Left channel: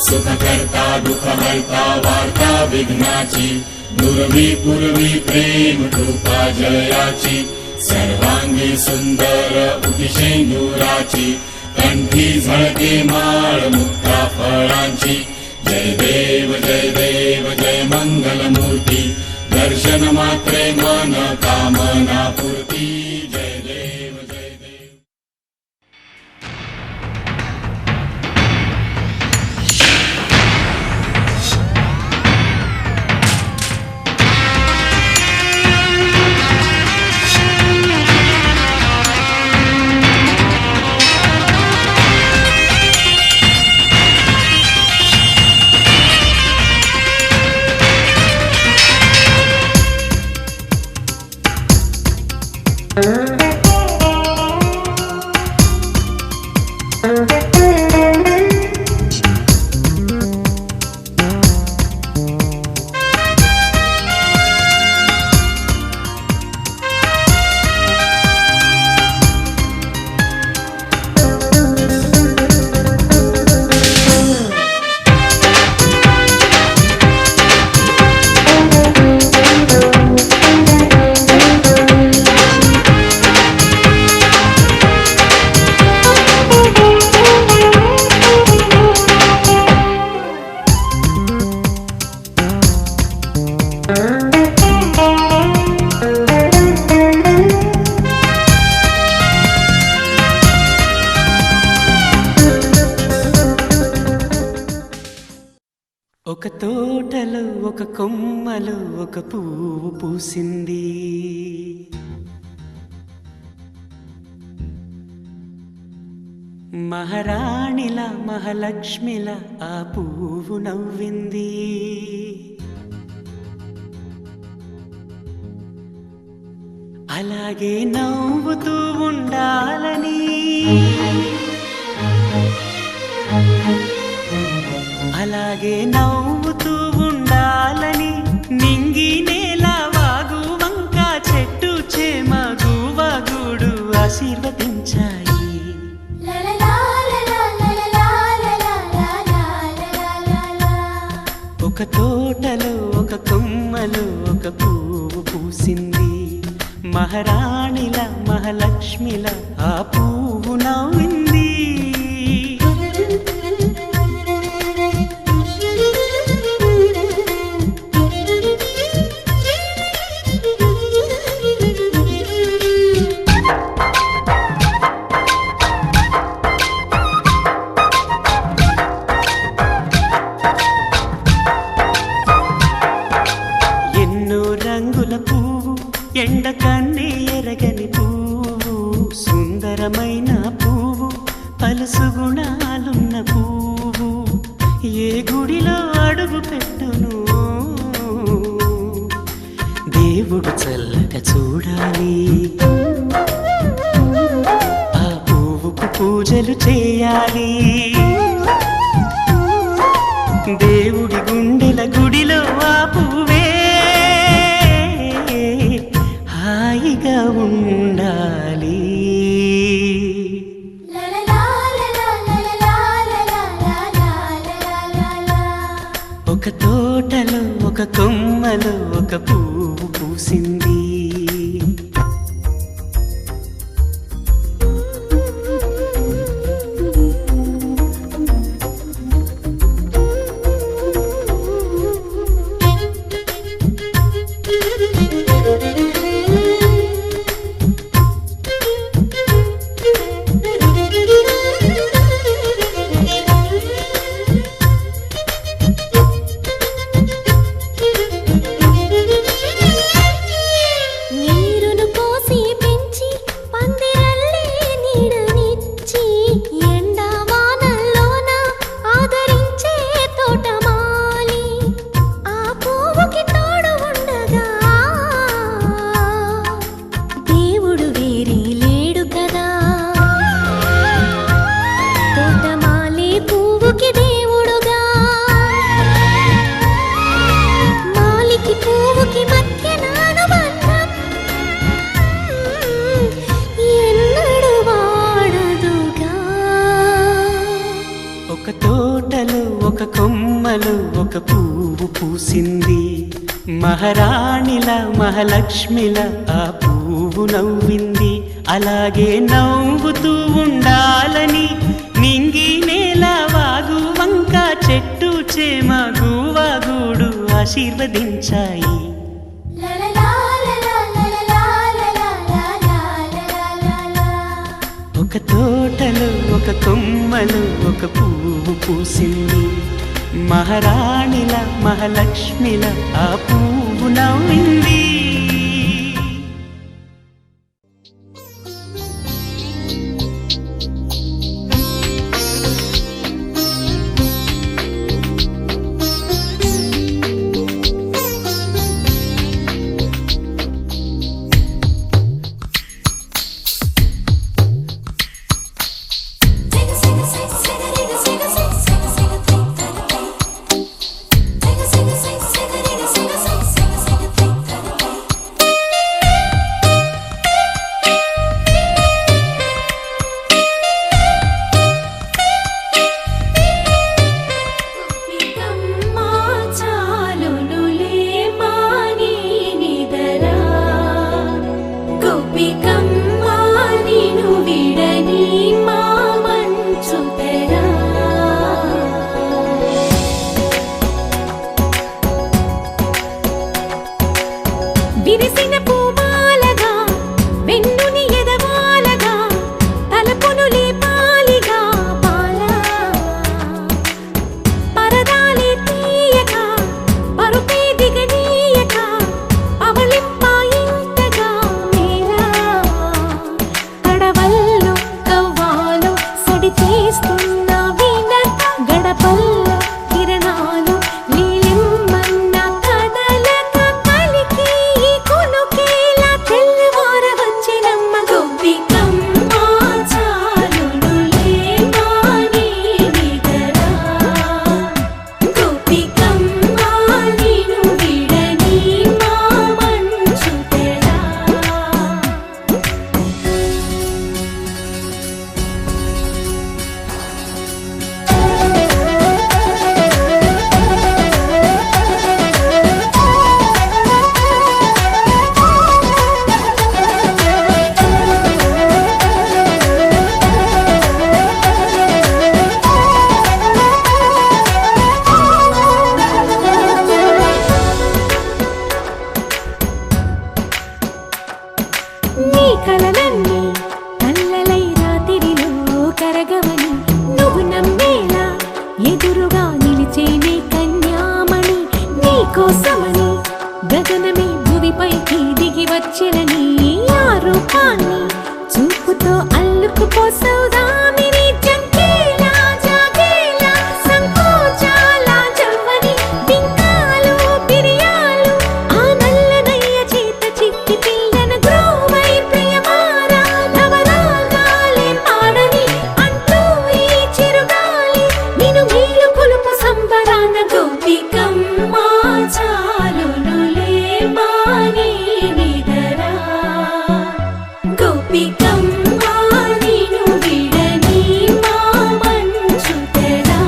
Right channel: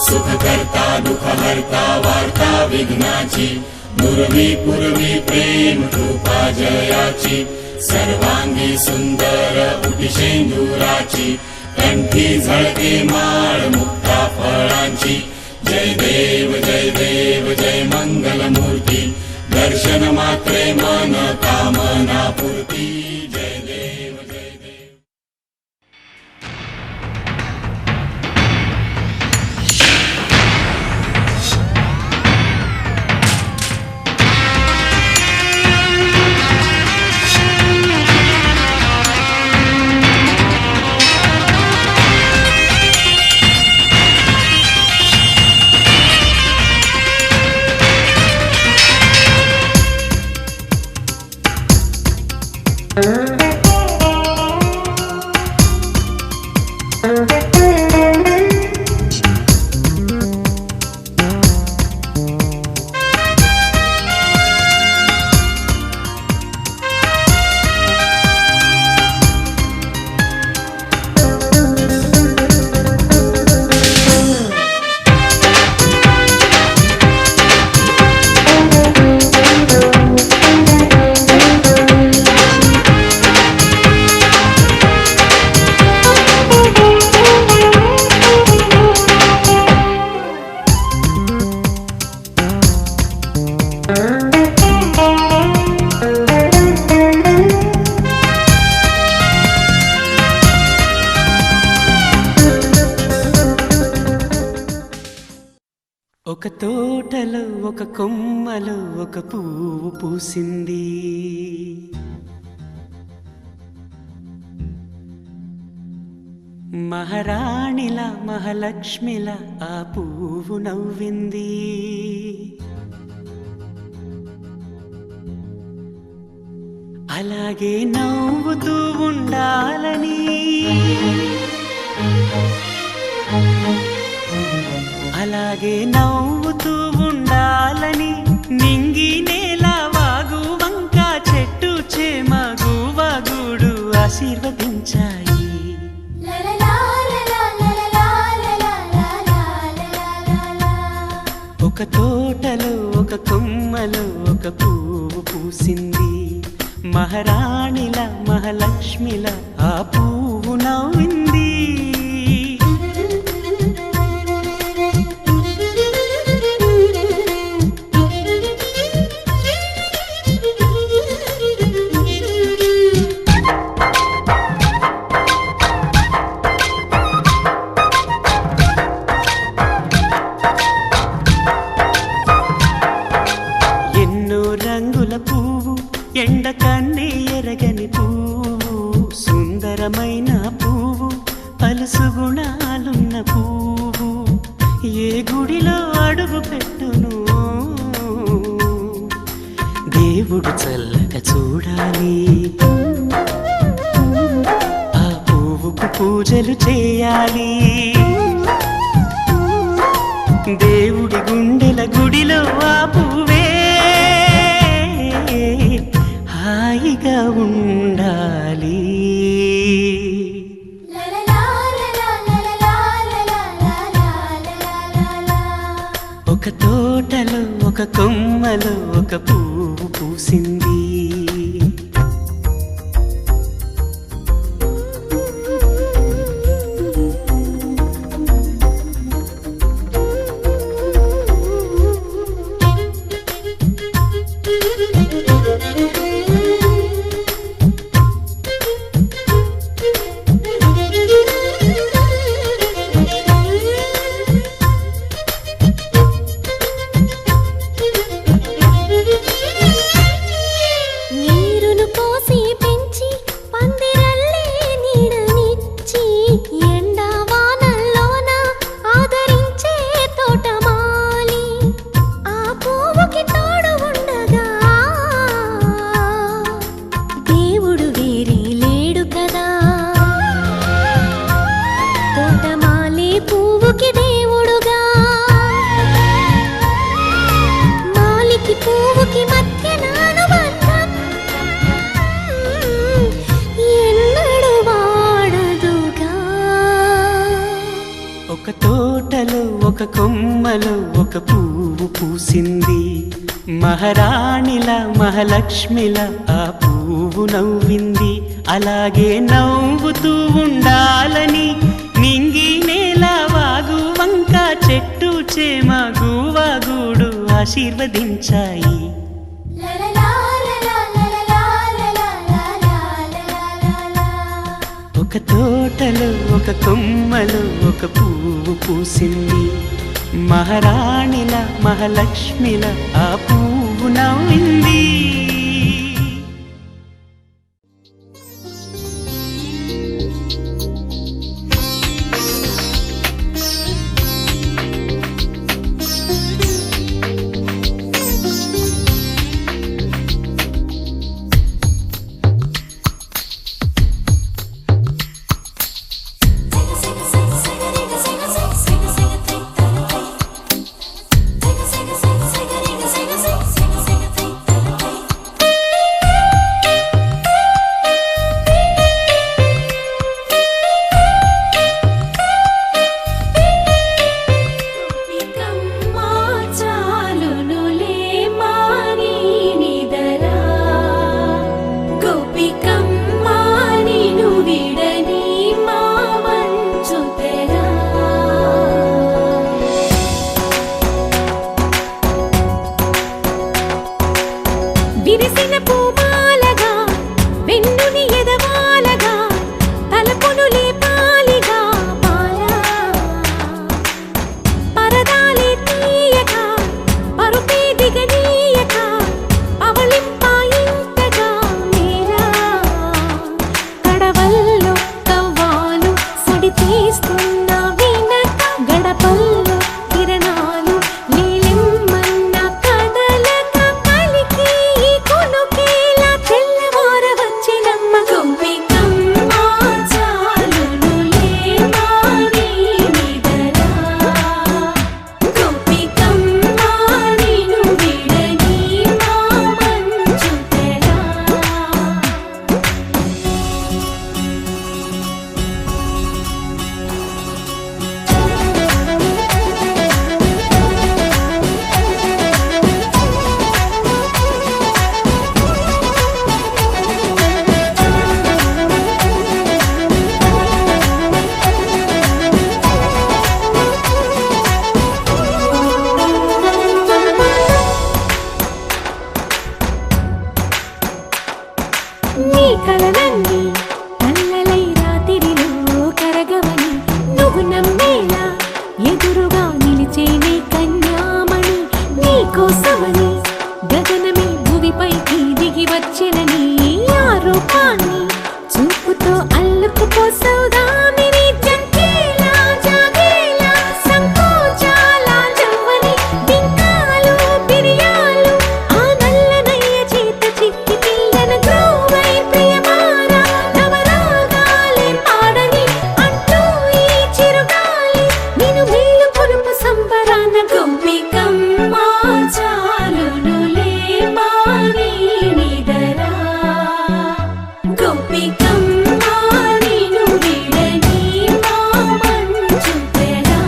सुखकर्ता दुःखहर्ता वार्ता विघ्नाची नुरवी पूर्वी प्रेम कृपा जयाची सर्वांगी सुंदर उटिशेंदुराची कंठी झळके माळ मुक्ता फळांची जय देव जय मंगल मूर्ती दर्शन मात्रे मन कामना पूर्ती जय देव जय देव। ఒక తోటలో ఒక కొమ్మలో ఒక పువ్వు పూసింది మహారాణిలా మహాలక్ష్మిలా ఆ పువ్వు నవ్వింది అలాగే నవ్వుతూ ఉండాలని అలాగే నవ్వుతూ ఉండాలని నింగి నేల వాగు వంక చెట్టు చేమ గువగుడు ఆశీర్వదించాయి ఒక తోటలో ఒక కొమ్మలో ఒక పువ్వు పూసింది మహారాణిల మహాలక్ష్మిల ఆ పువ్వు నవ్వింది రంగుల పువ్వు ఎండ కన్నే ఎరగని పువ్వు సుందరమైన పువ్వు పలుసు గుణాలున్న పువ్వు ఏ గుడిలో అడుగు పెట్టును దేవుడు చల్లగా చూడాలి ఆ పువ్వుకు పూజలు చేయాలి దేవుడి గుండెల గుడిలో ఆ పువ్వే హాయిగా ఉండాలి ఒక తోటలో ఒక కొమ్మలో ఒక పువ్వు పూసింది తోటలో ఒక కొమ్మలో ఒక పువ్వు పూసింది. మహారాణిలా మహాలక్ష్మిలా ఆ పువ్వు నవ్వింది. అలాగే నవ్వుతూ ఉండాలని నింగి నేల వాగు వంక చెట్టు చేమ గువాగూడు ఆశీర్వదించాయి. ఒక తోటలో ఒక కొమ్మలో ఒక పువ్వు పూసింది. మహారాణిల మహాలక్ష్మిల ఆ పువ్వు నవ్వింది. విరిసిన పూమాలగా వెన్నుని ఎదవాలగా తలపును లేపాలిగా పాలా పరదాలే తీయక పరుపే దిగనీయక పవళింపాయింతగా మేలా కడవల్లో కవ్వాలు సడి చేస్తున్న వీణక గడపల్లో కిరణాలు నీలిమ్మన్న కదలక కలికి కొనుకేలా తెల్లవార వచ్చినమ్మ గోపికమ్మ చాలునులే మాని నిదరా గోపికమ్మ నిను విడని మా మంచు తెరా. నీ కలలన్నీ కల్లలై రాత్రిలో కరగవని నువ్వు నమ్మేలా ఎదురుగా నిలిచేనే కన్యామణి. నీ కోసమని గగనమే భువిపైకి దిగి వచ్చెనని ఆ రూపాన్ని చూపుతో అల్లుకుపోసౌదామిని. జంకేలా జాగేలా సంకోచాల జవ్వని బింకాలు బిరియాలు ఆ నల్లనయ్య చేత చిక్కి పిల్లన గ్రోవై ప్రియమారా నవరాగాలే పాడని అంటూ ఈ చిరుగాలి నిన్ను మేలు కొలుపు సంబరాన గోపికమ్మ చాలునులే మాని నిదరా గోపికమ్మ నిను విడని మా మంచు తెరా.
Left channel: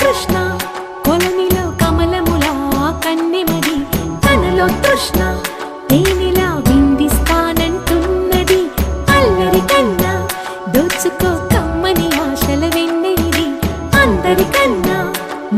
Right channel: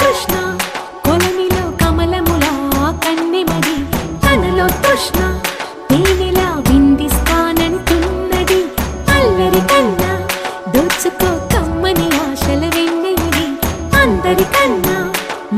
కృష్ణ కొలనిలో కమలములా కన్నెమది తనలో తృష్ణ తేనెలా విందిస్తానంటున్నది. అల్లరి కన్నా దోచుకో కమ్మని ఆశల వెన్నెలిది అందరికన్నా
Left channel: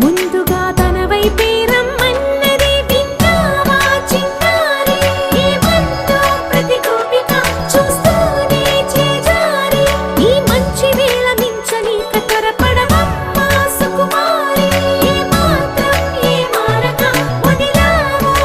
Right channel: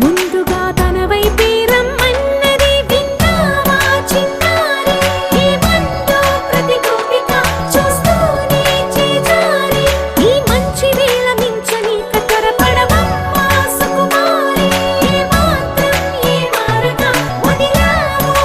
ముందుగా తన వైపే రమ్మన్నది. విన్నావా చిన్నారి ఏమందో ప్రతి గోపిక చూస్తూనే చేజారి ఈ మంచి వేళ మించని త్వరపడవమ్మా సుకుమారి. ఏ మాత్రం ఏ మారక వదిలావో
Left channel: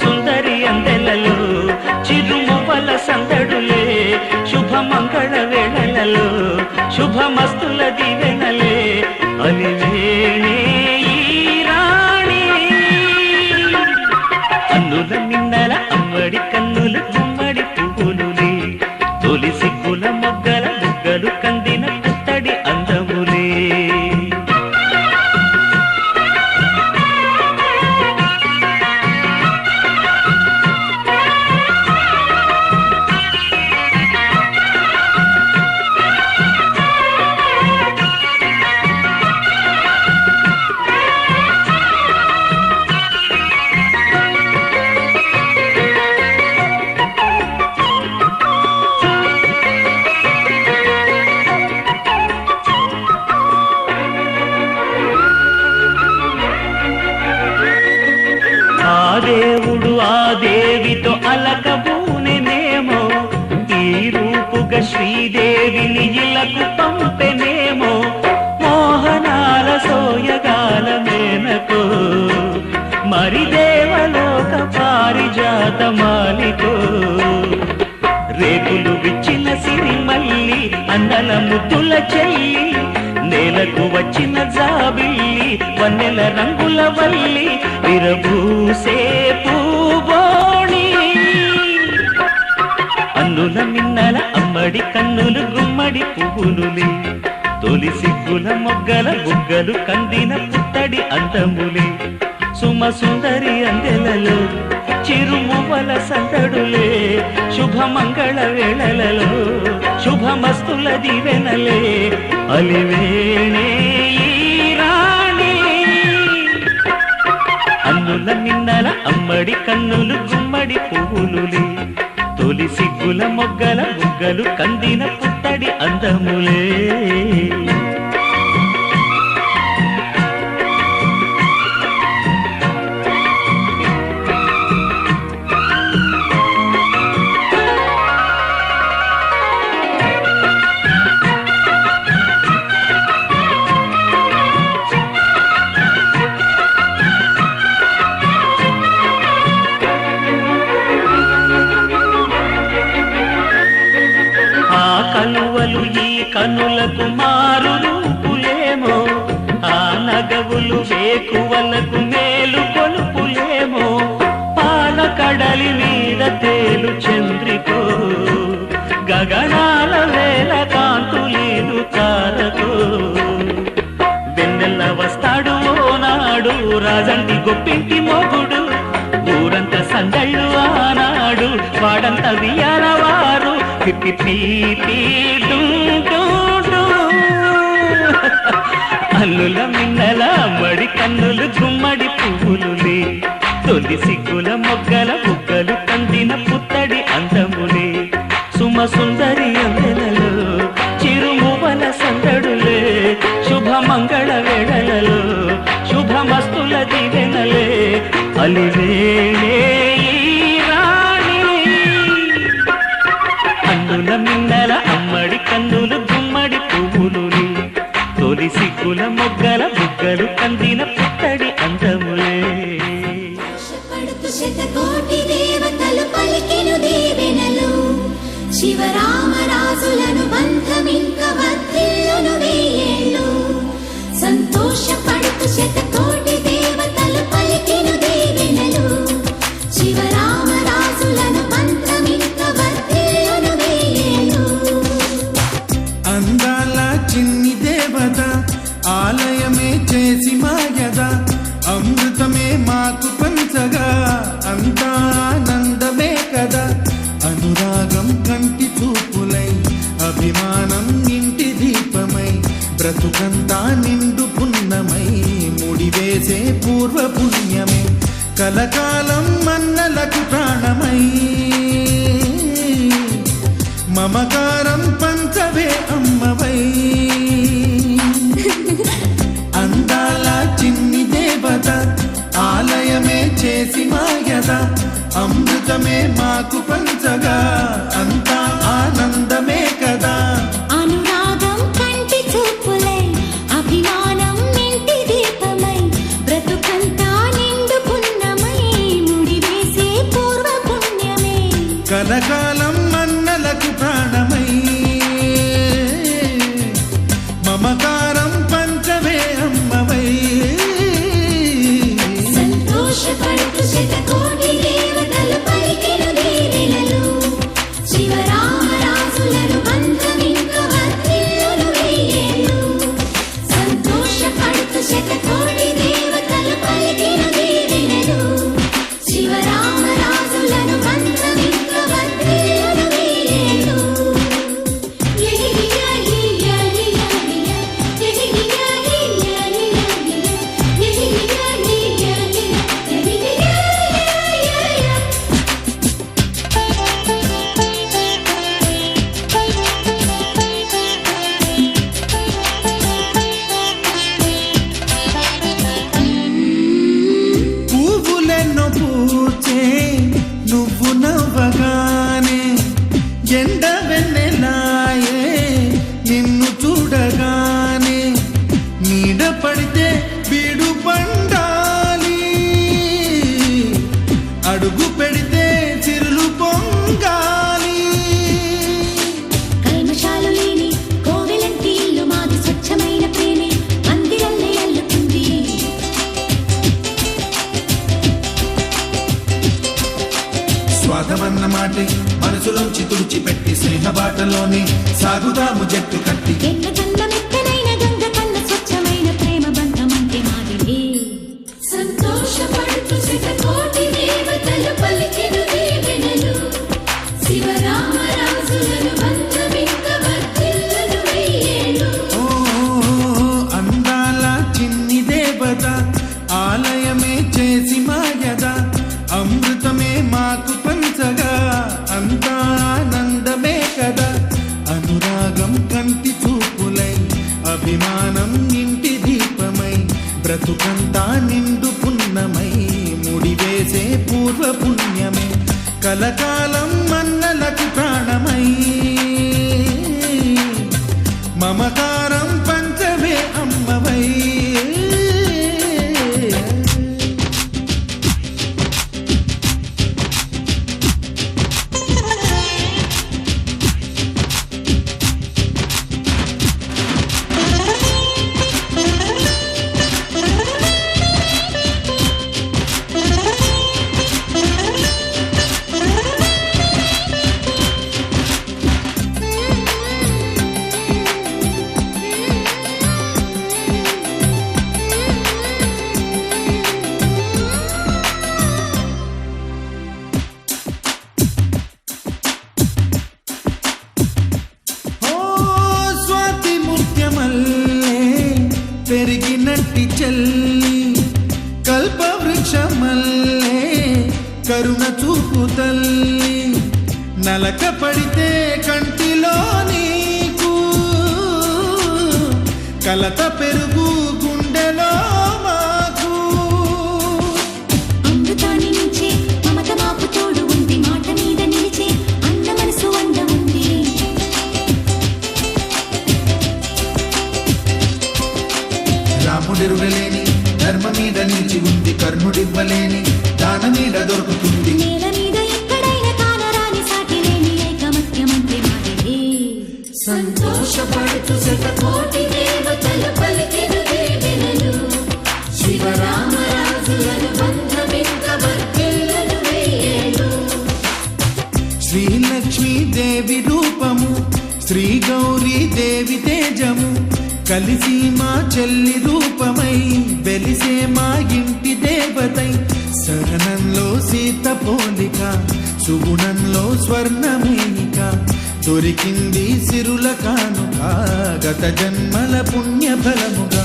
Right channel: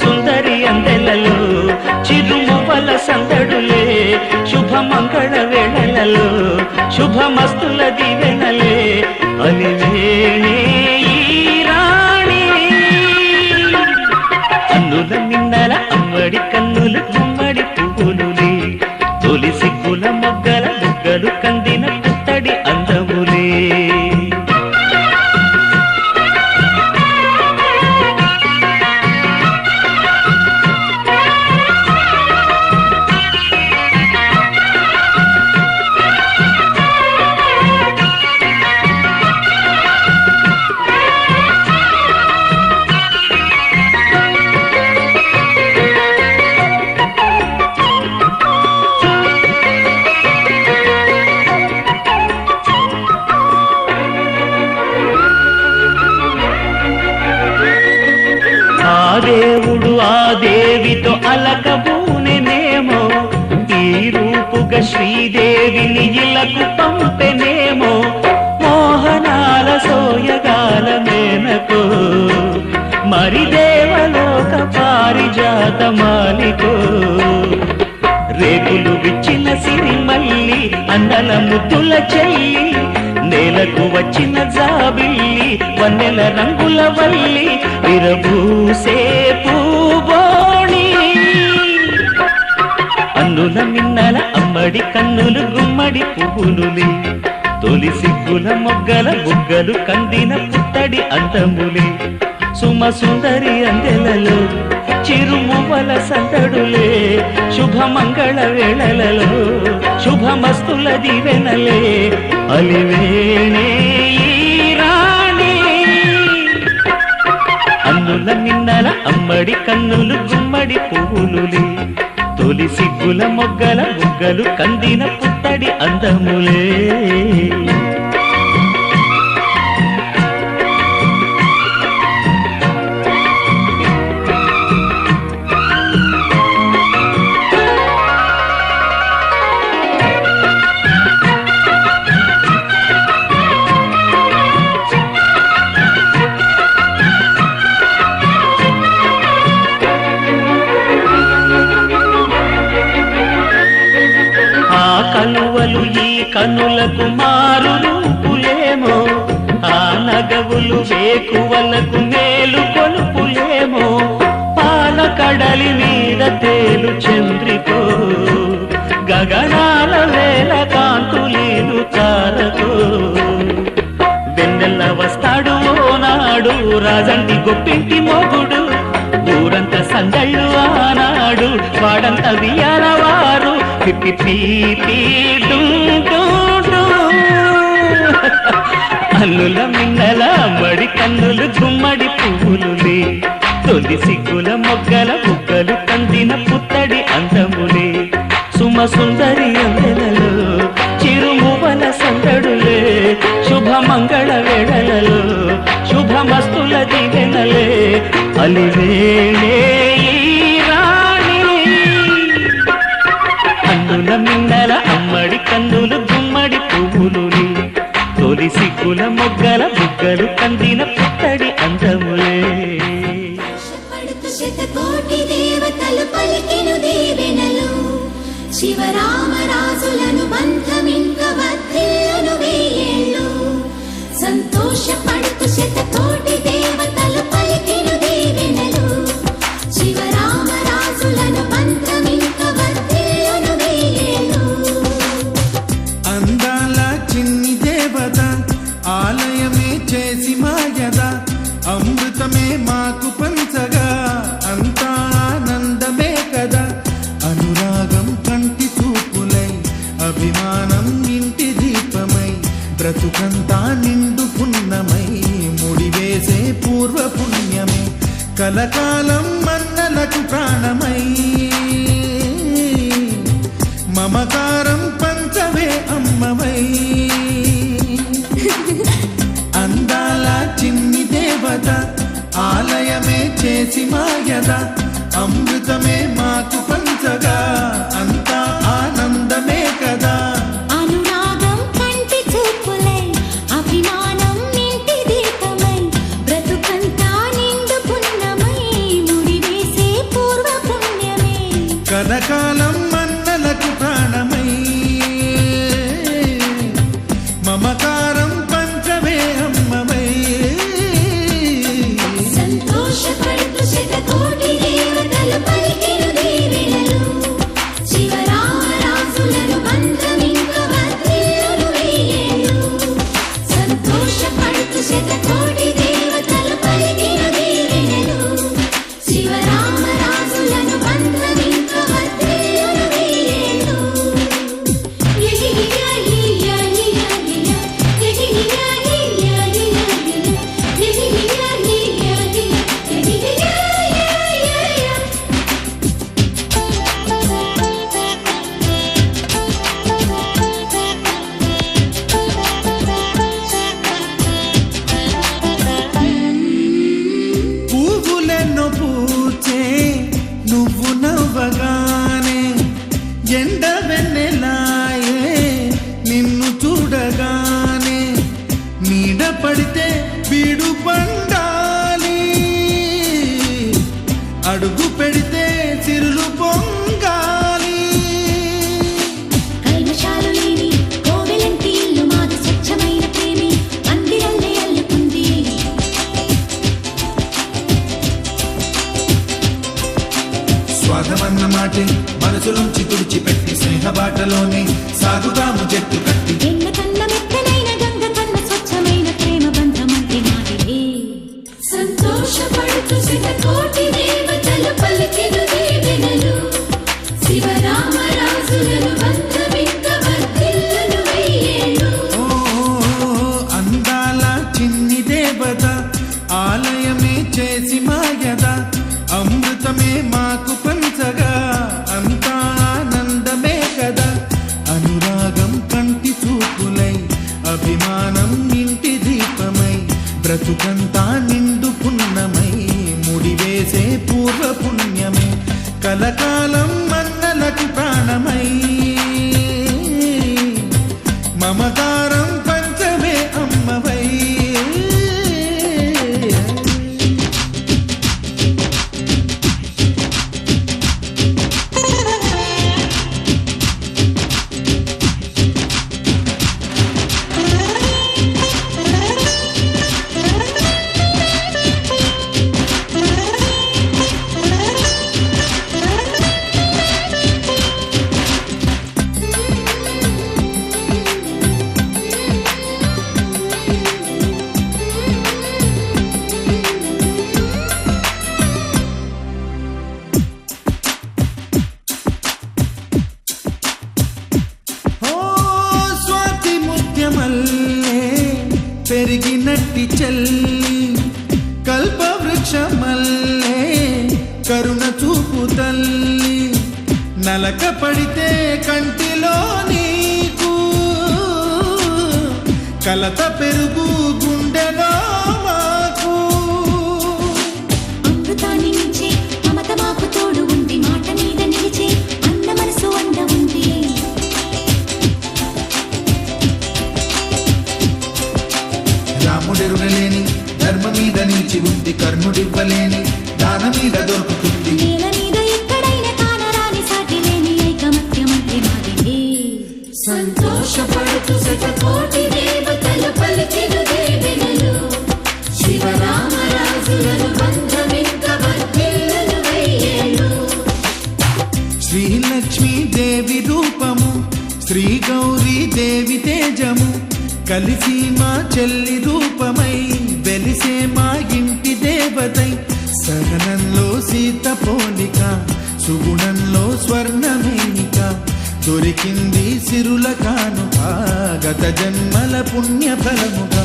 సుందరి అందెలలో చిరుమువ్వల సందడులే శుభమంగళ వేళలలో శుభమస్తుల దీవెనలే అలివేణి ఈ రాణి కన్నుల మిన్నల అమ్మడి కన్నులు గుమ్మడి పువ్వులులే తొలి సిగ్గుల మొగ్గల బుగ్గలు కందిన పుత్తడి అందములే దేవుడు ఆ దేవితో అలకబూనెనేమో ఈ రూపుగా శ్రీదేవిని ఇలకు పంపెనేమో మోహనాల సోయగాల మేనకో మరి దేవలోక పారిజాత మాలికో రేకులు విచ్చిన సిరిమల్లి అందల ముద్దుల చెల్లి నేలకు వచ్చిన జాబిల్లి వన్నెల రంగుల వల్లి విరబూసే పూబోణి అన్నుల మిన్నల అమ్మడి కన్నులు గుమ్మడి పువ్వులులే తొలి సిగ్గుల మొగ్గల బుగ్గలు కందిన పుత్తడి అందములే సుమ సుందరి అందెలలో చిరుమువ్వల సందడులే శుభమంగళ వేళలలో శుభమస్తుల దీవెనలే అలివేణి ఈ రాణి అన్నుల మిన్నల అమ్మడి కన్నులు గుమ్మడి పువ్వులులే తొలి సిగ్గుల మొగ్గల బుగ్గలు కందిన పుత్తడి అందములే కలువలు ఈ కనులకు మారు రూపులేమో ఆ నగవులు వేకువలకు మేలు కొలుపులేమో పాల కడలి మీద తేలు చంద్రికో గగనాల వేల కాంతులీలు తారకో వెన్నెల్ల వస్తాడు ఓనాడు రాజంటి గొప్పింటి మొగుడు ఊరంత సందళ్ళు ఆనాడు వాడంత వియాలవారు అల్లుల మిన్నల మడి కన్నులు గుమ్మడి పువ్వులులే తొలి సిగ్గుల మొగ్గల బుగ్గలు కందిన పుత్తడి అందములే సుమ సుందరి అందెలలో చిరుమువ్వల సందడులే శుభమంగళ వేళలలో శుభమస్తుల దీవెనలే అలివేణే కన్నుల మిన్నల అమ్మడి కన్నులు గుమ్మడి పువ్వులులే తొలి సిగ్గుల మొగ్గల బుగ్గలు కందిన పుత్తడి అందములే పడుతు శతకోటి దేవతలు పలికెను దీవెనలు శివరామరాజులను బంధమింక వర్ధిల్లును వెయ్యేళ్ళు సంతోషపడుతు శతకోటి దేవతలు పలికెను దీవెనలు శివరామరాజులను బంధమింక వర్ధిల్లును వెయ్యేళ్ళు అందాల చిన్ని దేవత ఆలయమే చేసి మాయద అమృతమే మాకు పంచగా అంతా ఆనందమే కదా అనురాగం కంటి చూపులై అభిమానం ఇంటి దీపమై బ్రతుకంతా నిండు పున్నమై ముడివేసే పూర్వ పుణ్యమే కలకాలం మన్నలకు ప్రాణమై మమకారం పంచవే అమ్మవై అందాల చిన్ని దేవత ఆలయమే చేసి మాయద అమృతమే మాకు పంచగా అంతా ఆనందమే కదా అనురాగం కంటి చూపులై అభిమానం ఇంటి దీపమై బ్రతుకంతా నిండు పున్నమై ముడివేసే కలకాలం మన్నలకు ప్రాణమై మమకారం పంచవే అమ్మవై సంతోషపడుతూ శతకోటి దేవతలు పలికెను దీవెనలు శివరామరాజులను బంధమింక వర్ధిల్లును వెయ్యేళ్ళు సంతోషపడుతూ శతకోటి దేవతలు పలికెను దీవెనలు శివరామరాజులను బంధమింక వర్ధిల్లును వెయ్యేళ్ళు పువ్వులెన్నో పూచే నువ్వు నవ్వగానే ఎండ వెన్నెలాయే నిన్ను చూడగానే నీడ పడితే బీడు పండాలి అడుగు పెడితే సిరులు పొంగాలి కల్మషాలు లేని కోవెలంటి ఇల్లు మాది స్వచ్ఛమైన ప్రేమే అందిరల్లే అల్లుకుంది స్వాగమన్న మాటే మనసులోంచి తుడిచిపెట్టి స్నేహబాటలోనే సాగుతాము జట్టు కట్టి ఎన్న కన్న మెత్తనైన గంగ కన్న స్వచ్ఛమైన ప్రేమ బంధమంటే మాదిలే సంతోషపడుతూ శతకోటి దేవతలు పలికెను దీవెనలు శివరామరాజులను బంధమింక వర్ధిల్లును వెయ్యేళ్ళు ఓ అందాల చిన్ని దేవత ఆలయమే చేసి మాయద అమృతమే మాకు పంచగా అంతా ఆనందమే కదా అనురాగం కంటి చూపులై అభిమానం ఇంటి దీపమై బ్రతుకంతా నిండు పున్నమై ముడివేసే పూర్వ పుణ్యమే కలకాలం మన్నలకు ప్రాణమై మమకారం పంచవే అమ్మవై మల్లే పెరిగినట్టి చెల్లి కల్పవృక్షమల్లే కరుణ చూపు తల్లి నలక పడితే కంటిలో నీకు కలత పెరుగు గుండెలో మాకు అమృతాన్ని మించే మమత మాకు తోడు ఉంది మాట మీద నిలిచే అన్న మనసు అండ ఉంది రాముడెరుగలేని ధర్మ మీద నిలిచి ఉంది కర్ణుడివ్వలేని దాన మీద దొరుకుతుంది నేల మీద ఎక్కడైనా కానరాని సాటి లేని ఐకమత్యమంటే మాదిలే సంతోషపడుతూ శతకోటి దేవతలు పలికెను దీవెనలు శివరామరాజులను బంధమింక వర్ధిల్లును వెయ్యేళ్ళు శ్రీలక్ష్మీ దేవి రూపము శ్రీ గౌరీ దేవి తేజము కలిసి మా చెల్లి రూపమై వెలిసే మా ఇంటి దేవతై సహనంలో సీత పోలిక సుగుణంలో స్వర్ణమేనిక దొరికింది సిరుల కానుక గత జన్మల పుణ్య ఫలముగా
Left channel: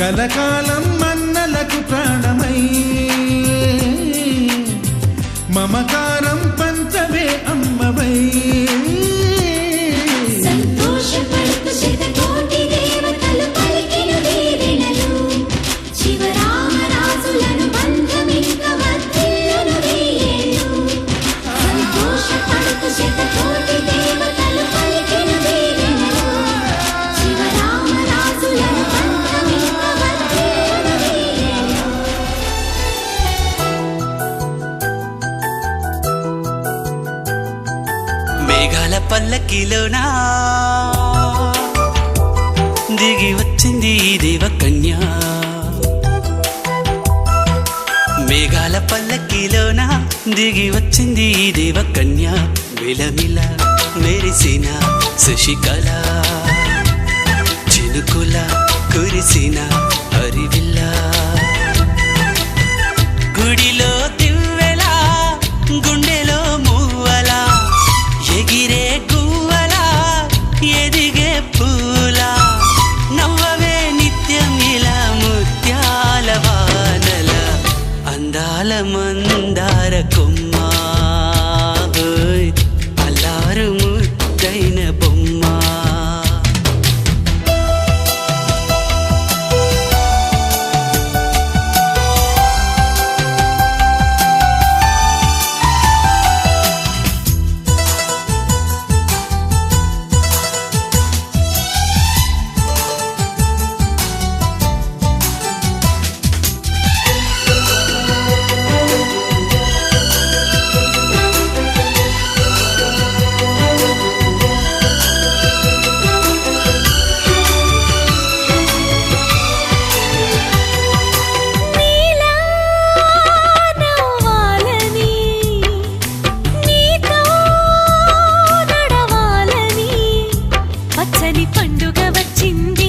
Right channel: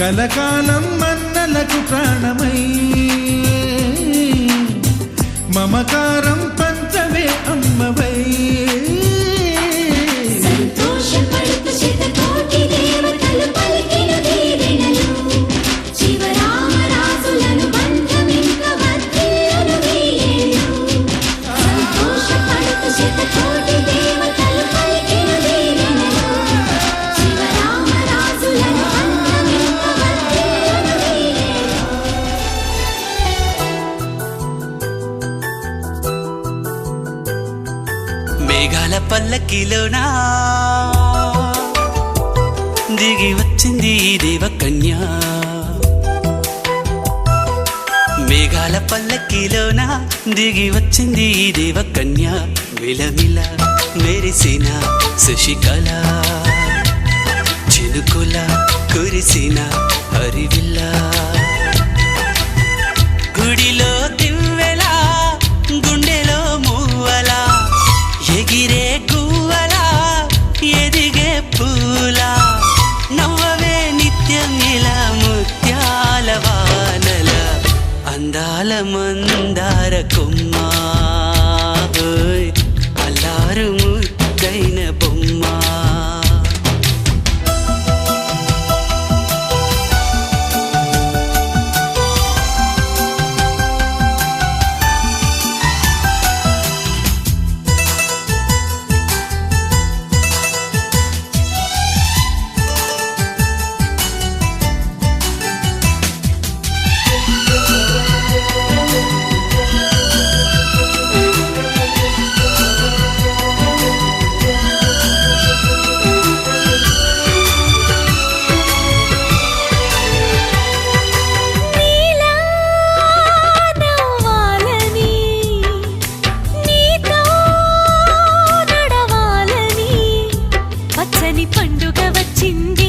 కలకాలం మన్నలకు ప్రాణమై మమకారం పంచవే అమ్మవై సంతోషపడుతూ శతకోటి దేవతలు పలికెను దీవెనలు శివరామరాజులను బంధమింక వర్ధిల్లును వెయ్యేళ్ళు సంతోషపడుతూ శతకోటి దేవతలు పలికెను దీవెనలు శివరామరాజులను బంధమింక వర్ధిల్లును వెయ్యేళ్ళు మేఘాల పల్లకిలోనా దిగి వచ్చింది ఈ దేవకన్య మేఘాల పల్లకిలోన దిగి వచ్చింది ఈ దేవకన్య మిలమిల మెరిసిన శశికళ చినుకుల కురిసిన హరివిల్ల గుడిలో దివ్వెలా గుండెలో మూవలా ఎగిరే గువ్వలా ఎదిగే పూలా నవ్వవే నిత్యం ఇలా ముత్యాల వానల అందాల మందార కొమ్మ అల్లారు ముద్దైన బొమ్మ పండుగ వచ్చింది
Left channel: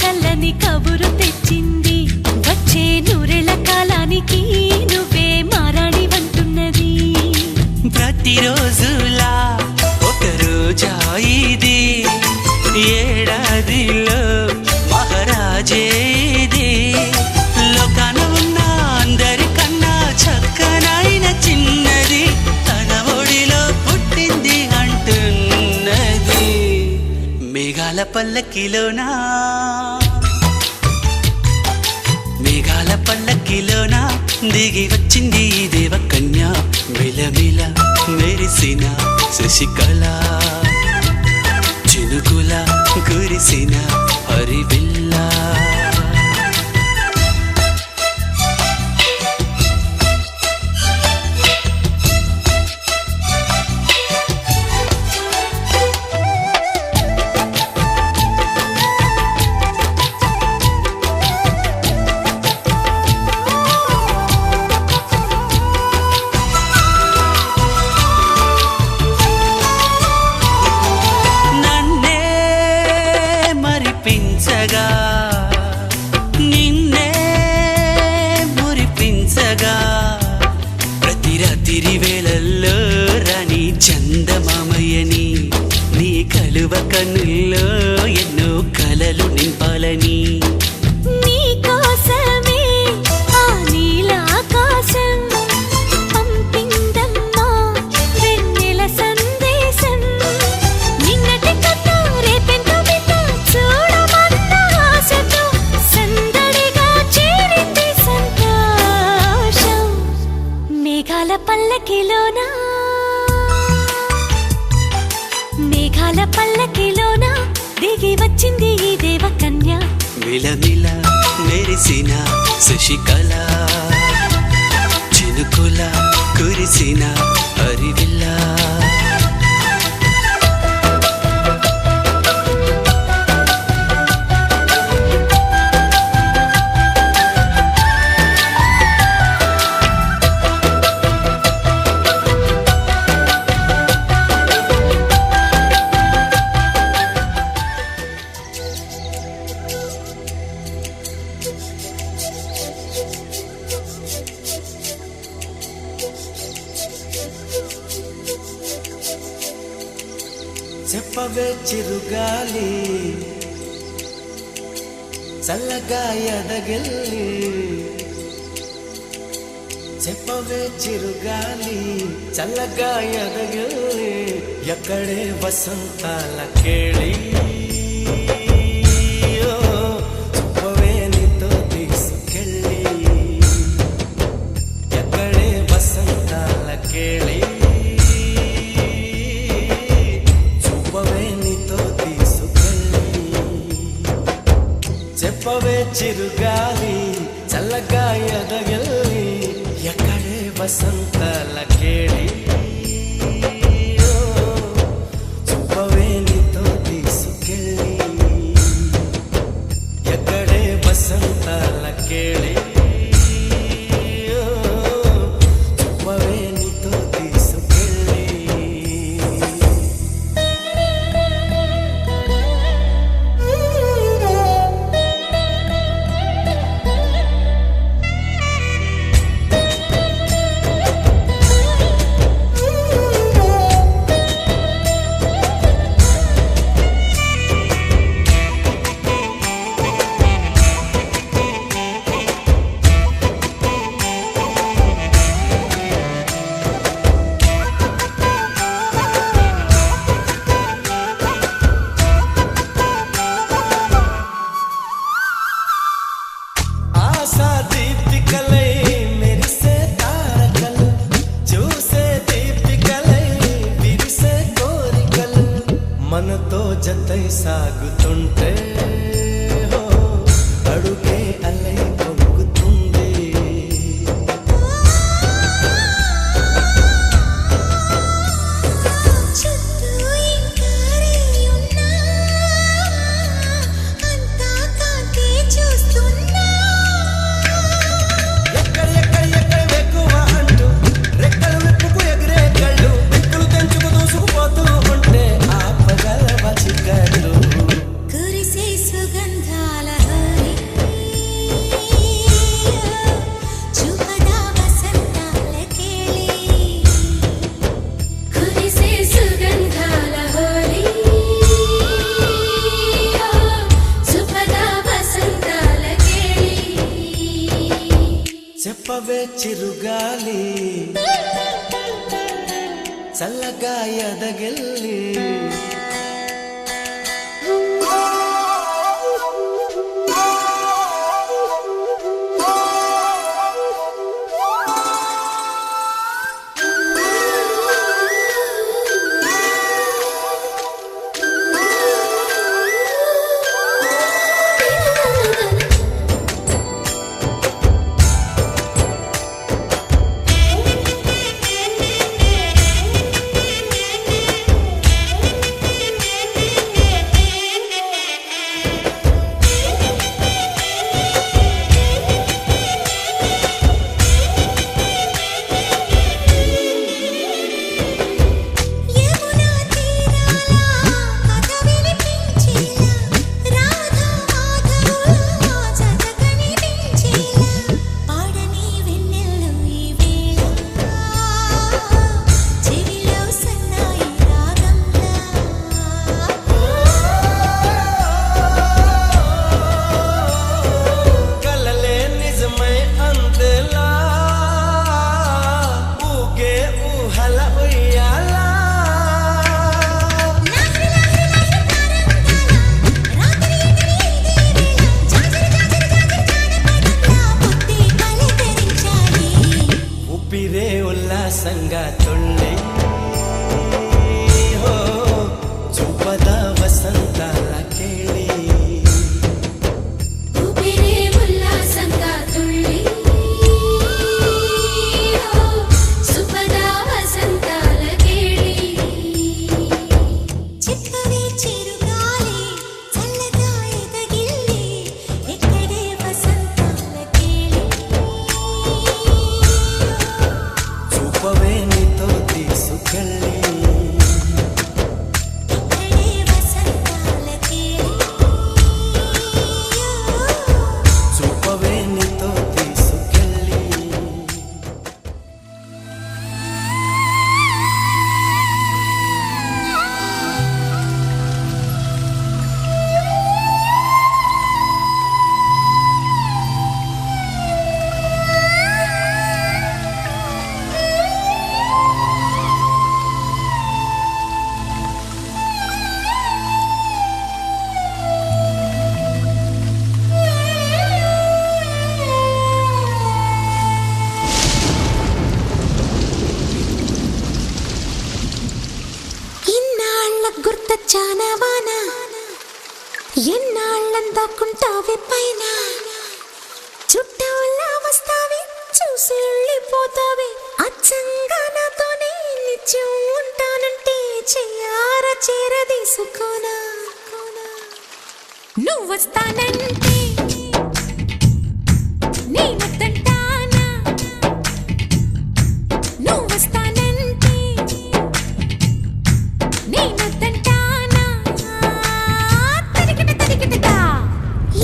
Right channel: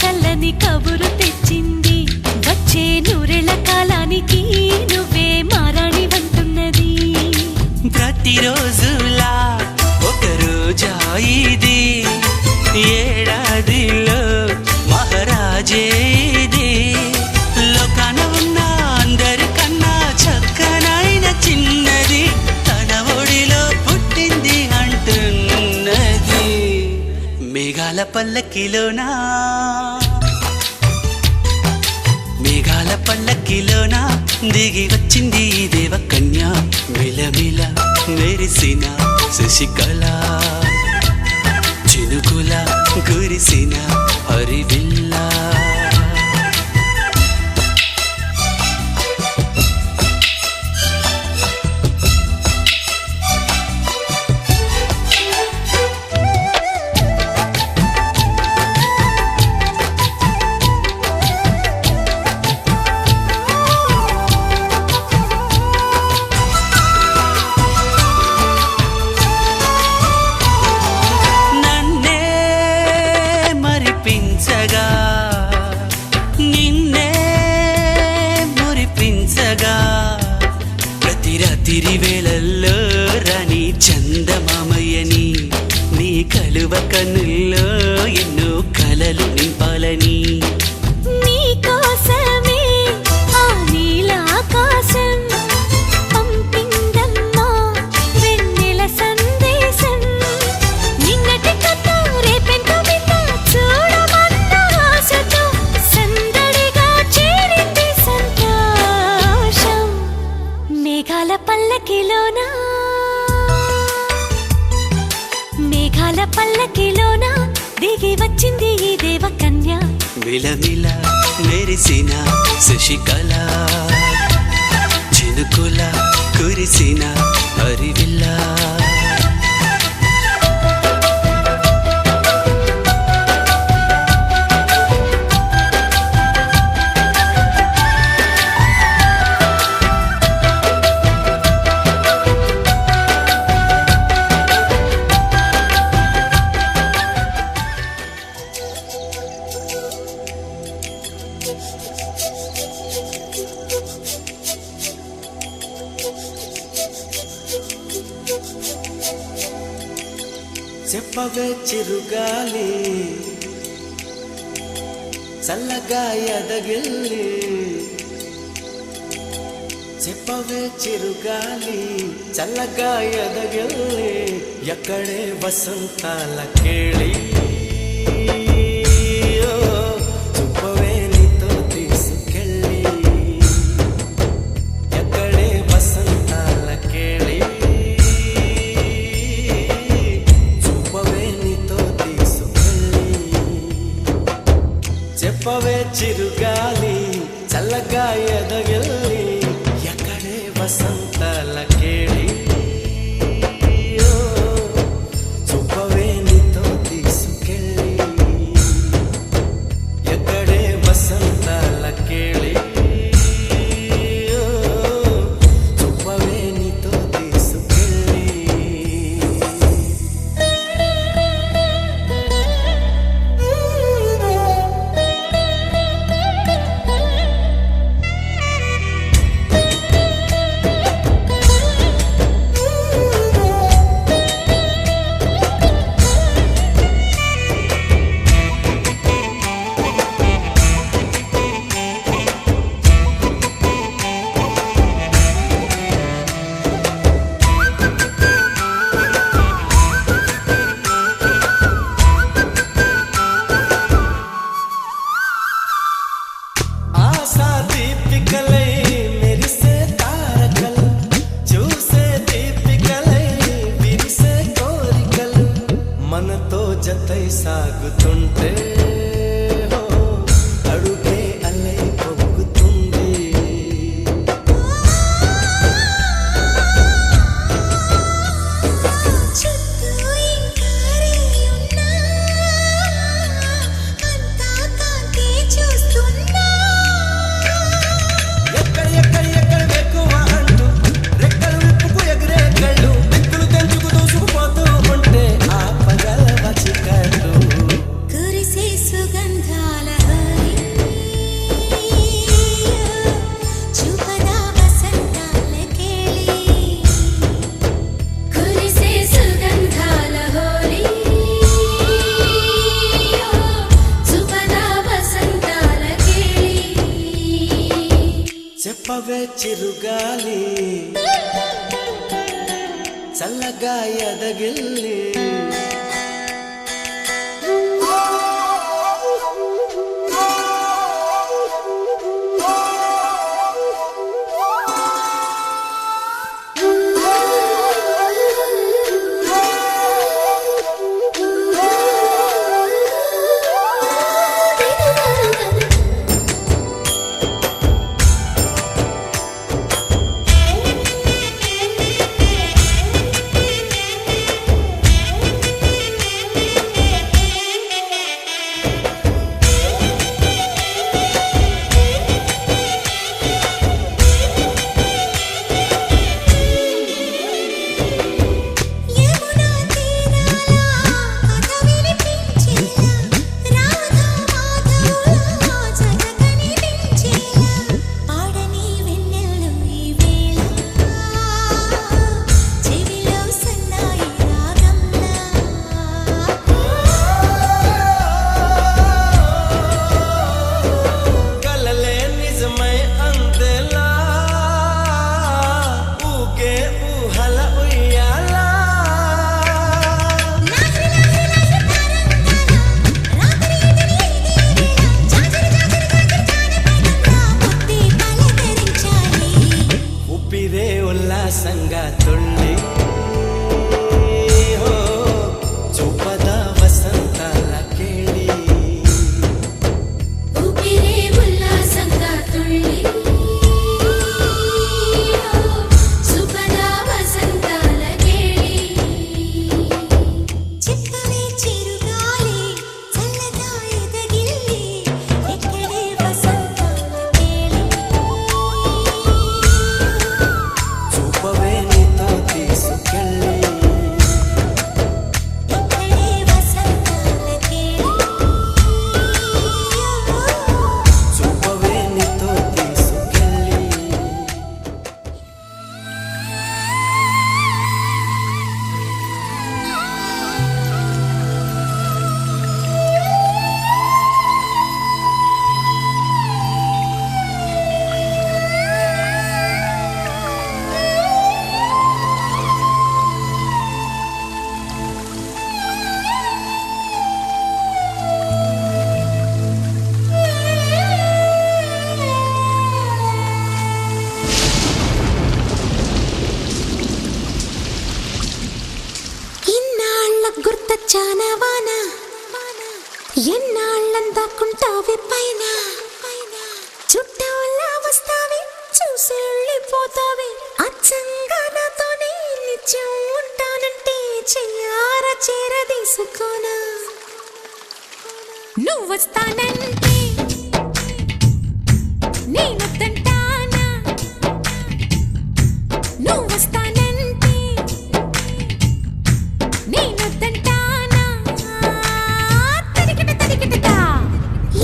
చల్లని కబురు తెచ్చింది వచ్చే నూరెళ్ళ కాలానికి నువ్వే మారాణి వంటున్నది ప్రతిరోజులా ఒక రోజా ఇది ఏడాదిలో మహారాజే ఇది లోకాన ఉన్న అందరికన్నా చక్కనైన చిన్నది తన ఒడిలో పుట్టింది అంటున్నది మేఘాల పల్లకిలోనా మేఘాల పల్లకిలోనా దిగి వచ్చింది ఈ దేవకన్య మిలమిల మెరిసిన శశికళ చినుకుల కురిసిన హరివిల్ల మరిపించగా నిన్నే మురిపించగా ప్రతి రాత్రి వేళల్లో రాణి చందమామయ్యని నీ కలువ కన్నుల్లో ఎన్నో కలలు నింపాలని నీ కోసమే ఆ నీలాకాశం పంపిందమ్మా వెన్నెల సందేశం నిన్నటి కథ రేపెంత చూడమన్న ఆశతో సందడిగా చేరింది సంతోషం మేఘాల పల్లకిలోనా మేఘాల పల్లకిలోనా దిగి వచ్చింది ఈ దేవకన్య మిలమిల మెరిసిన శశికళ చినుకుల కురిసిన హరివిల్ల చెప్పవే చిరుగాలి చల్లగా ఎదగిల్లి చెప్పవే చిరుగాలి చల్లగా ఎదగిల్లి ఎక్కడే వసంతాల కేళి చూపవే నీతో తీసుకెళ్ళి ఎక్కడే వసంతాల కేళి చూపవే నీతో తీసుకెళ్ళి చెప్పవే చిరుగాలి చల్లగా ఎదగిల్లి ఎక్కడే వసంతాల కేళి మనతో జతై సాగుతుంటే హో అడుగే అలై పొంగుతుంది. చుట్టూ ఇంకారే ఉన్నా అంతా కాంతే చూస్తున్నా. ఎక్కడ వెక్కువ అంటూ రెక్కలు విప్పుకు ఎగిరే కళ్ళు దిక్కులు తెంచుకు దూసుకుపోతూ ఉంటే ఆపగలవ చికట్లు. కురిసే సుగంధాల హరి చూపదా వసంతాల కేళి. కురిసే సుగంధాల హరి చూపదా వసంతాల కేళి. చెప్పవే చిరుగాలి చల్లగా ఎదగిల్లి. యమునా తీరాల కథ వినిపించేలా రాధా మాధవుల జత కనిపించేలా పాడని వెన్నెల్లు ఈ వేళ చెవిలో సన్నాయి రాగంలా. కలలే నిజమై అందేలా ఊగే ఊహల ఉయ్యాలా. లాహిరి లాహిరి లాహిరి తారంగాల రాత్రి ఎటని ఇదే వేళ జాజరి జాజరి జాజరి జానపదంలా పొత్తి పలకరించాలి. ఊపిరే ఉల్లాసంగా తుళ్ళి హో చూపద వసంతాల కేళి. ఊపిరే ఉల్లాసంగా తుళ్ళి సుపదా వసంతాల కేళి. చెప్పవే చిరుగాలి చల్లగా ఎదగిల్లి ఎక్కడే వసంతాల కేళి. చూపవే నీతో తీసుకెళ్ళి. ఎక్కడే వసంతాల కేళి. చూపవే నీతో తీసుకెళ్ళి. ఇన్నాళ్ళ గుర్తొచ్చానా వాన ఎన్నాళ్ళందాకుంటావే పైన చుట్టాలా వస్తావే చూసి వెళ్ళిపోతావే అచ్చంగా నాతోనే నిత్యం ఉంటానంటే చెయ్యార చేరదీసుకోనా. నువ్వొస్తానంటే నేనొద్దంటానా. నువ్వొస్తానంటే నేనొద్దంటానా. తరికిట తరికిటదా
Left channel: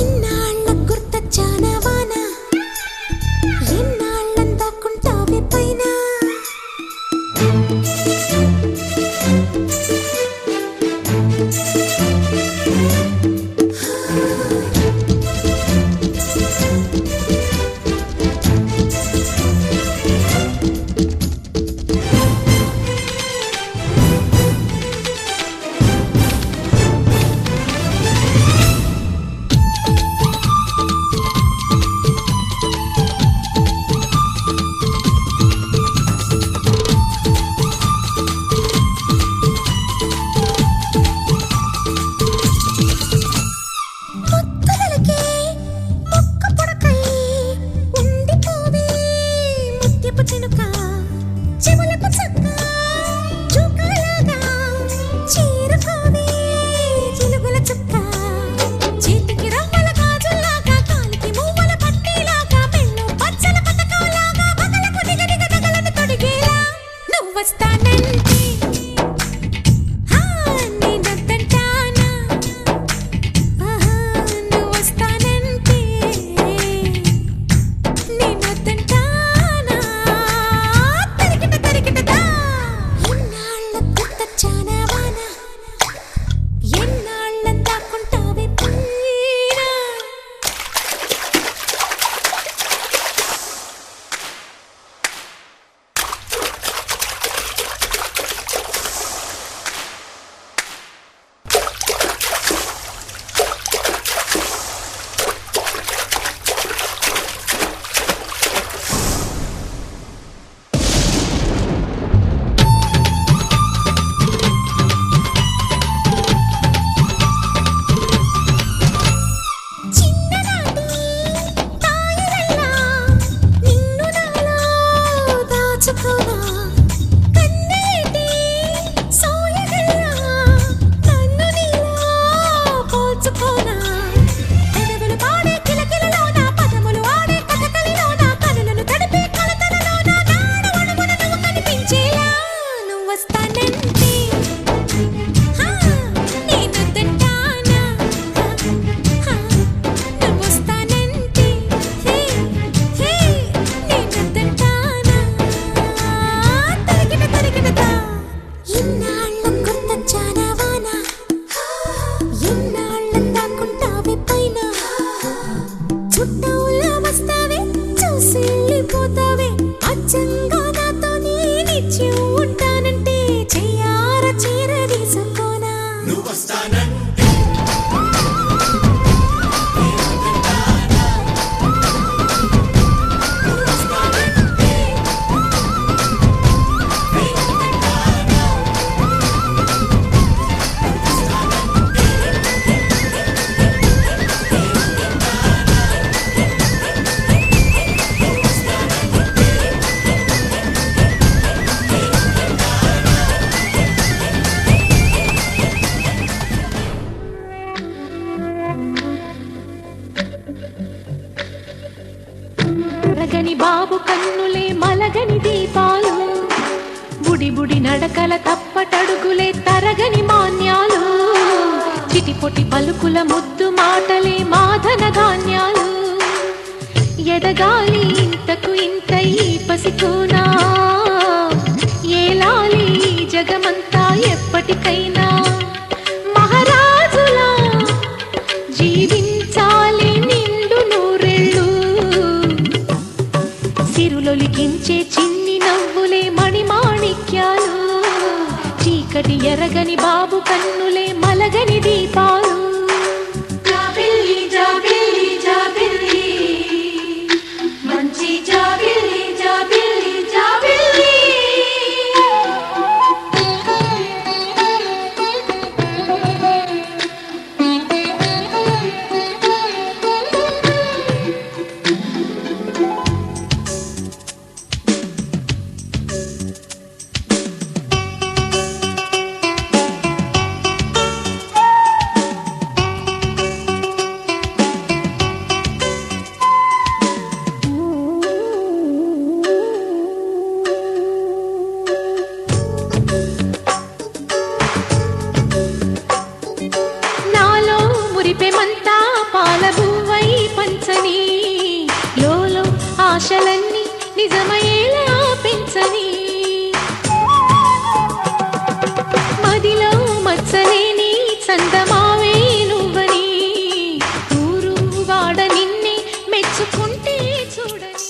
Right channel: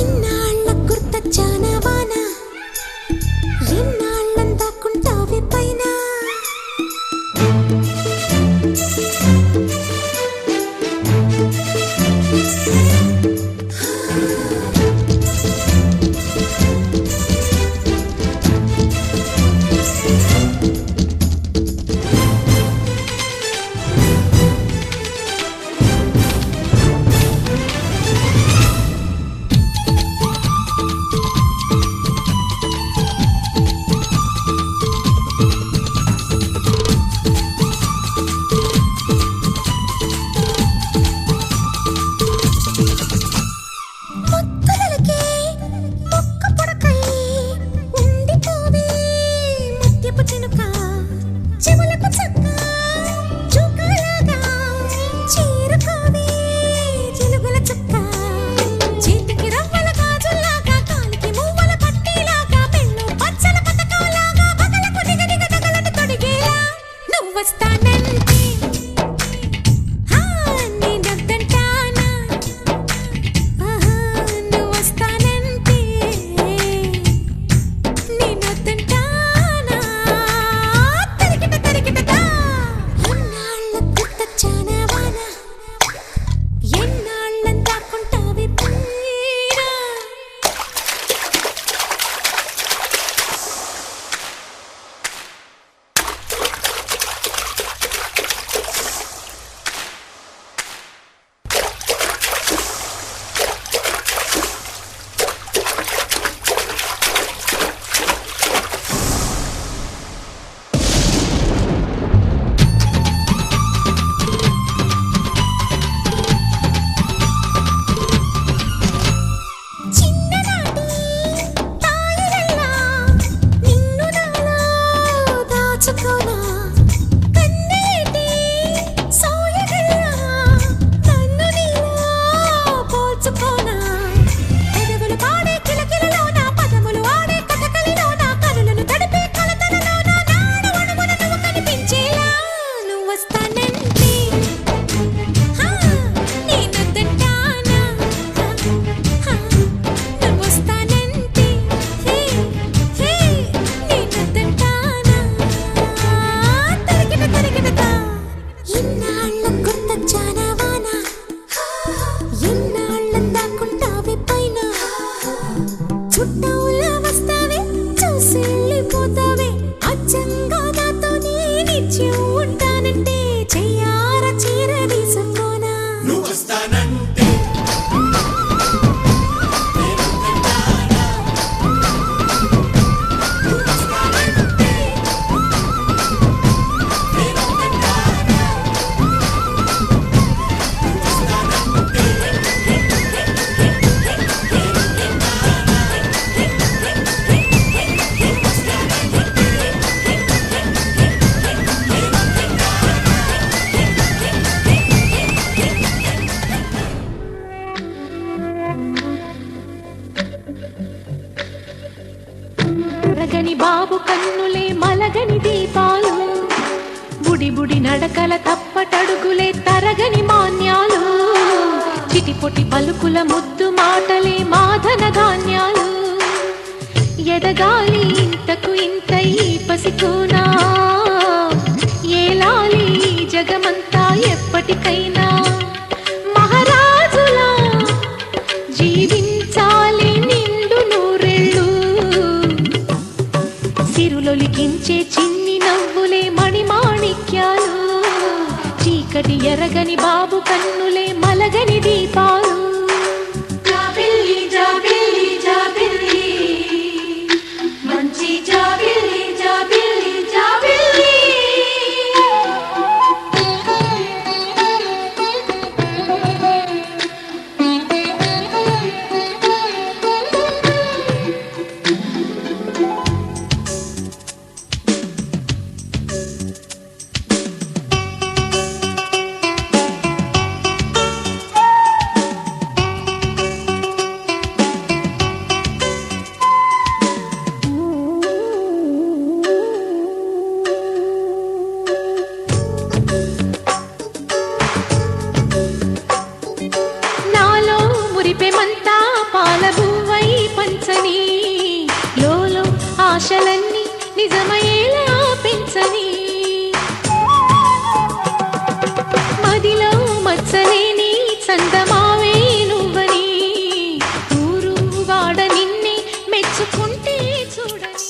ఇన్నాళ్ళ గుర్తొచ్చానా వాన ఎన్నాళ్ళందాకుంటావే పైన. చెవులకు చక్క చుక్కలాగా చేరుకోవే చిలుగుల చుక్క చేతికి రవ్వల గాజుల్లాగా కాలికి మువ్వల పట్టీలాగా మెల్లో పచ్చల పతకాలాగా బగలకు దిగదిగ తగలను తొడిగేలా నువ్వొస్తానంటే నేనొద్దంటానా నువ్వొస్తానంటే నేనొద్దంటానా తరికిట తరికిటదా ఎన్నాళ్ళ గుర్తొచ్చానా వాన ఎన్నాళ్ళని దాక్కుంటావే పైనా చిన్ననాటి తాయిలల్లా నిన్ను నాలో దాచుకోనా కన్నేటి సోయగల్లా నన్ను నీలో పోల్చుకోనా పెదవులు పాడే కిలకిలలోన పదములు ఆడే కథకలిలోన కనులను తడిపే కలతలలోన నాడవణమున నువ్వు కనిపించేలా నువ్వొస్తానంటే నేనొద్దంటానా నువ్వొస్తానంటే నేనొద్దంటానా తరికిట తరికిటదా ఇన్నాళ్ళ గుర్తొచ్చానా వాన ఎన్నాళ్ళని దాక్కుంటావే పైన చుట్టవులా వస్తావే చూసి వెళ్ళిపోతావే అచ్చంగా నాతోనే నిత్యం ఉంటానంటే చెయ్యార చీర తీసుకోనా మలగని బాబు కన్నులే మలగని దీపాలు బుడి బుడి నడకల తప్పటడుగులే తరగని మాన్యాలు చిటిపొటి పలుకుల ముద్దు మాటలే మాధన ధాన్యాలు ఎదగాలి ఇంతకు ఇంత ఈ పసికోనా ఏలాలి ఈ జగమంతా ఎప్పటికైనా మహారాజులా జీవించాలి నిండు నూరెళ్ళు సిరులొలికించే చిన్ని నవ్వులే మణిమాణిక్యాలు చీకటి ఎరగని బాబు కన్నులే మలగని దీపాలు జాబిల్లి జాబిల్లి జాబిల్లి మంచి జాబిల్లి జాబిల్లి జాబిల్లి నాలో మురిపెమంతా పాలబువ్వై పంచని లోలో ఆశలన్నీ నిజమయ్యేలా పెంచని మదిలో మచ్చలేని చందమావే నువ్వని ఊరు వాడ నిన్నే మెచ్చుకుంటే చూడని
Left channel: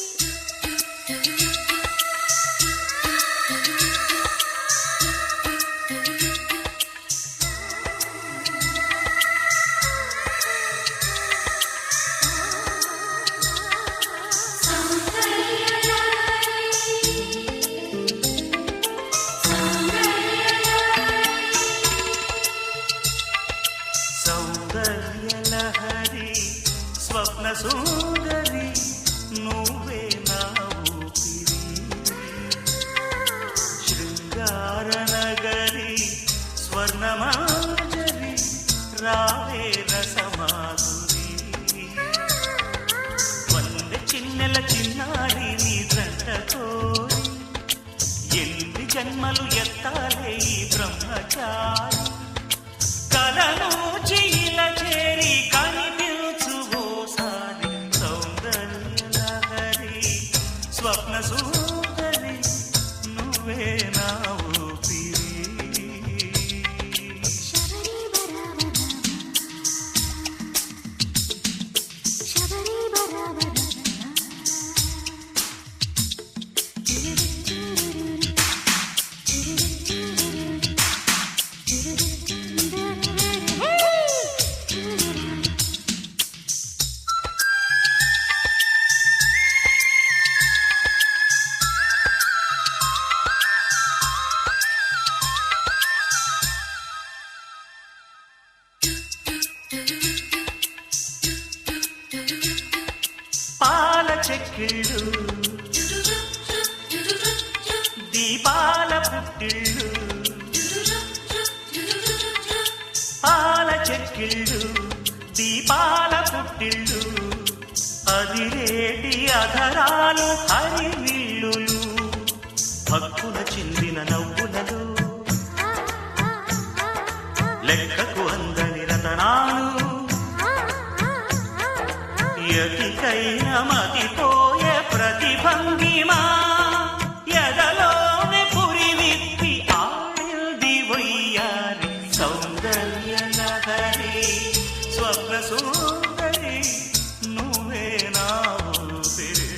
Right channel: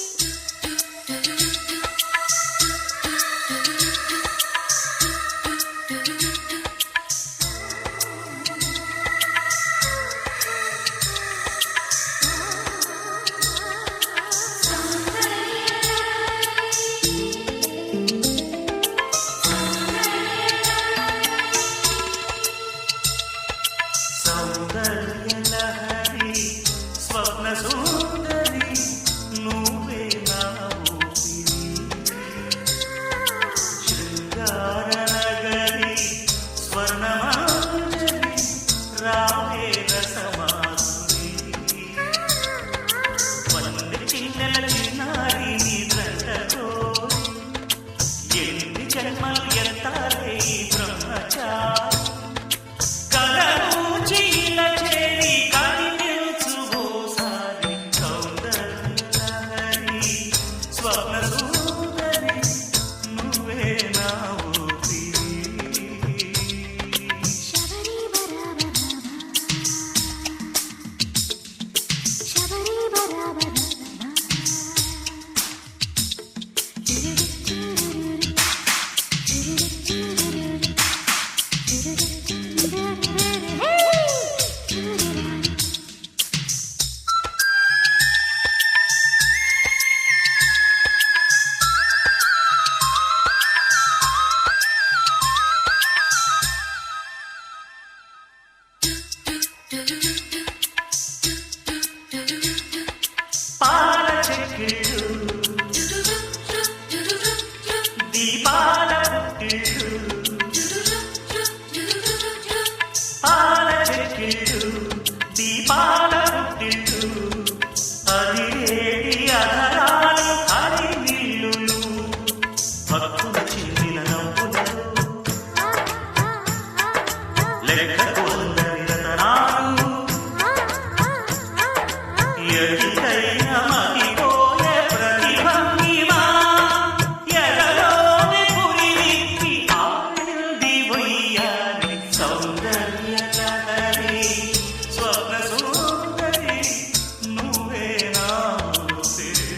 సౌందర్యలహరి స్వప్న సుందరి నువ్వే నా ఊపిరి శృంగారనగరి స్వర్ణమాంజలి రావే రసమాధురి వందె చిన్నెల చిన్నారి నీ దంట కోరి ఎన్ని జన్మలు ఎత్తాలే ఈ బ్రహ్మచారి కలను చిల చేరి కనిపించు ఓసారి సౌందర్య లహరి స్వప్న సుందరి నువ్వే నా ఊపిరి శబరి బరాబరా శబరి బరాబరా పాల చెక్కిళ్ళు దీపాల పుట్టిళ్ళు పాల చెక్కిళ్ళు దీపాల పుట్టిళ్ళు అదిరేటి అధరాలు హరివిల్లులు భక్కున చిందిన నవ్వులలో లెక్కకు అందని రతనాలు ఎటికైన మతిపోయే ప్రతిభంగిమా ఎదలోని పురి విప్పి ఆడింది వయ్యారి సౌందర్య లహరి స్వప్న సుందరి నువ్వే నా ఊపిరి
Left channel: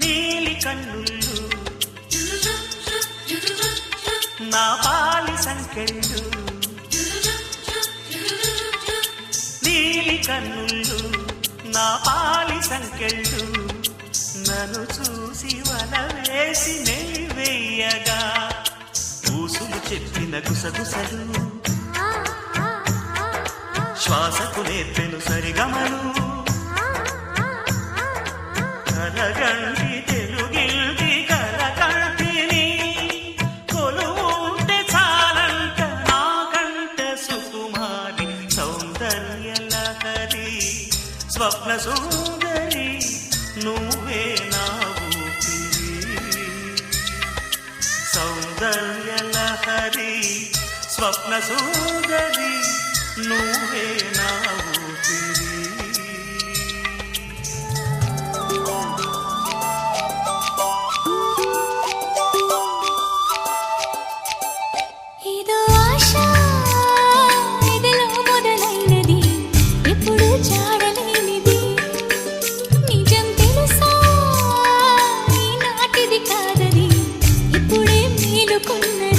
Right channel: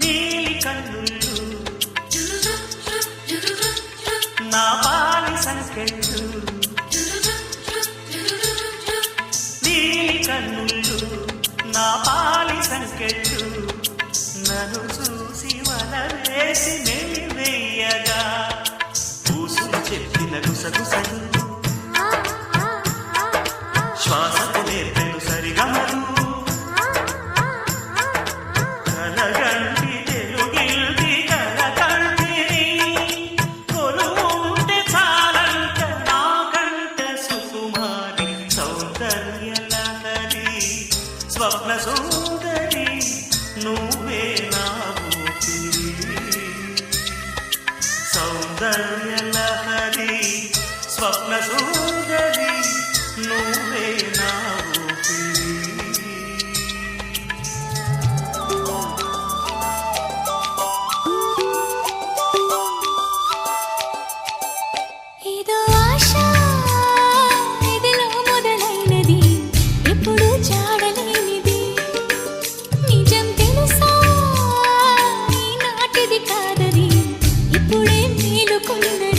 నీలి కన్నుళ్ళు నా పాలి సంకెళ్ళు నీలి కన్నుళ్ళు నా పాలి సంకెళ్ళు నన్ను చూసి వల వేసి నెలివెయ్యగా ఊసులు చెప్పిన గుసగుసలు శ్వాసకు నేర్పెను సరిగమలు కలగంటి తెలుగిల్టి కలకంటిని కొలువుంటే చాలంట నాకంట సుకుమారి సౌందర్య లహరి స్వప్న సుందరి నువ్వే నా ఊపిరి సౌందర్య లహరి స్వప్న సుందరి నువ్వే నా ఊపిరి ఇదో ఆశ ఇదిలో మొదలైనది ఎప్పుడు చాడలేనిది నిజం తెలుసా ఈనాటిది కాదది ఇప్పుడే మేలుకున్నది